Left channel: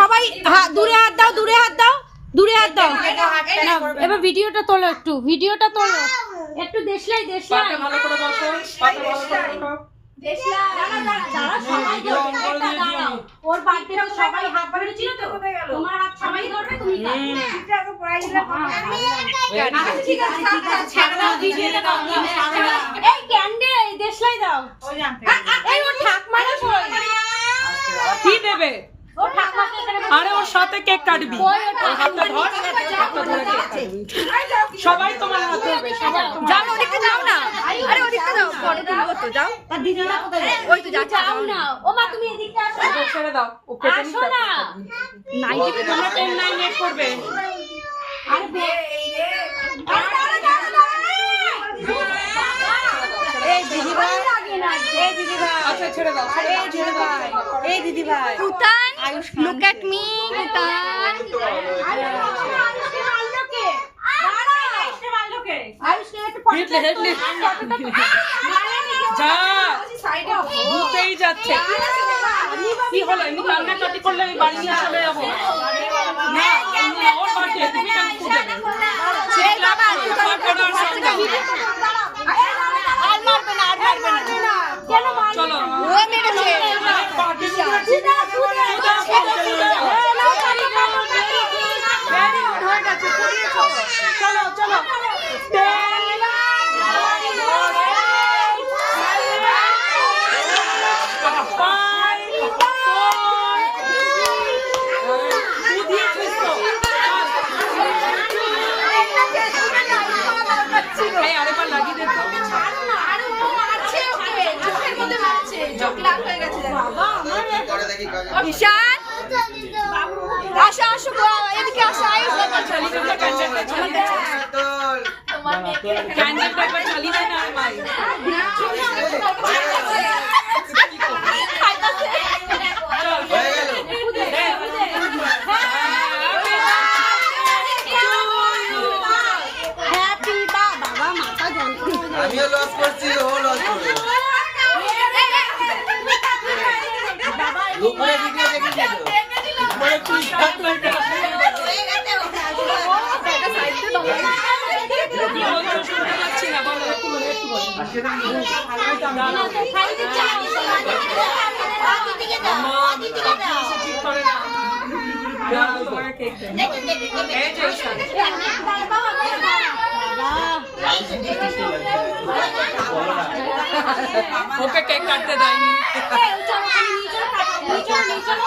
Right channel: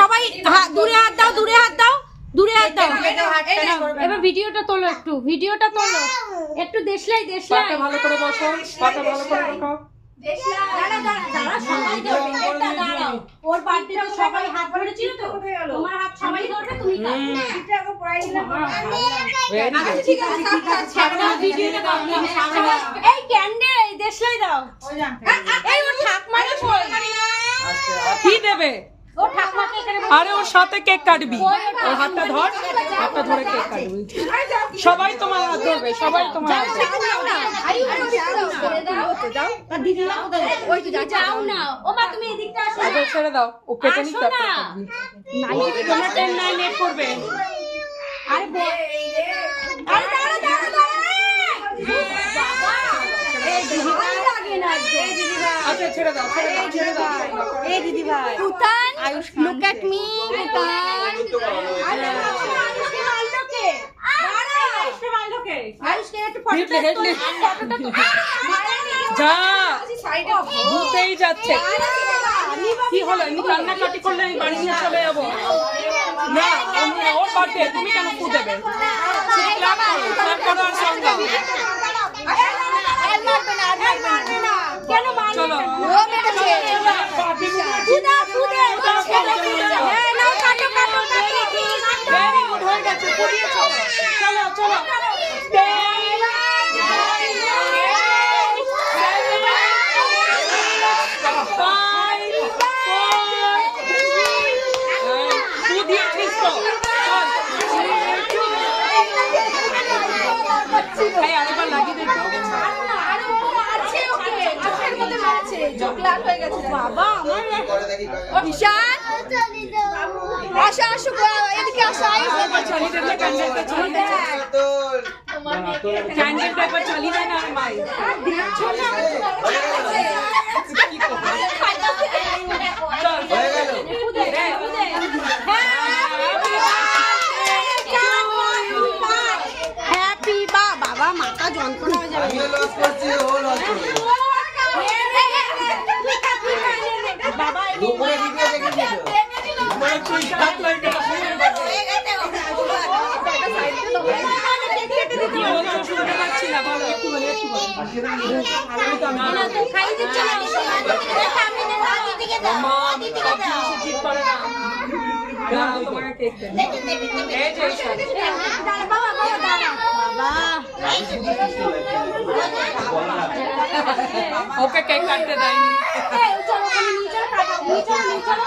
সবাই দূরে হাত দাও, দূরে হাত দাও, দূরে হাত দাও। এবার ভিডিওটা তোলো, একটু ভিডিওটা তোলো, একটু দেশলাই দেশলাই ভালো করে বসো, পাতে ভালো করে বসো। ওর বার্থডে সবাই হাত ধরেছিল তো, তোমার হাত সবাই ধরবে, তুমি এই ক্যান্ডেল দেশলাই দাও। এই ওর ঠাকমা না সই, কি দেবে? ও ঠাকমাকে এখানে আরে ওর সাথে কেক কাটবি, ওই হাতটা ধর, হাতটা ধরে কেক কাটবি। সবাই তোমার হাত ধরবে, সবাই তোমার যাও ওদিকে যাও না, আরে ওদিকে যাও, পরে তুলবো তো, যাও দিদি ওই তো যাচ্ছে, যাও না। ও মা তুমি এদিকটা আসো না, ছেড়ে দাও, ও কেটে নিতে আসো না। নাইটি তোমরা 10 9 8 করবে। আরে আরে দাঁড়া দাঁড়া দাঁড়া, এই দিদি ভাই লাগে না, এই দিদি ভাই, আচ্ছা ছেড়ে দাও, ছেড়ে দাও। এই দিদি ভাই পুতান, look at me পুতান। আয়ুষ্কে মারলো কে? দাঁড়া, আয়ুষ্কে মারলো কে? আয়ুষ্কে একটু ফটোটা হেডলি, ফটোটা যা ঘুরতেই যাচ্ছে। কি হলো, এমনি কান্নাকাটি করলে আমি বাড়ি নিয়ে চলে যাবো না? এমনি ওর বার্থডে, তুমি কেন ফুল দেবে? এই বাবা ক্লাব করো আর সঙ্গে দাও। আর মারবে না, আর মারবে না, কেন মারলো? চলো ও মেরেছে। সুদা সুদা হ্যাঁ নাও কাটো কাটো কাটো, ভেরি গুড, হয়ে গেছে, পড়িয়েছো। চলো চলো, ঈশান আসো আসো, এদিকে আসো, আয়ুষ ক্যান্ডেলটা একবার চালিয়ে দাও না আমার। হ্যাপি বাবা মাথা যন্ত্রণা আমিও লস করছি, ও লস করবে। দুপুরে ভিডিও দেখেছি তো। খাই দিচ্ছে না, তোমাকে কেক দেবো। এই যে ঈশান। ওকে কেক কাটতে দেয়নি। চলো নিয়ে চলো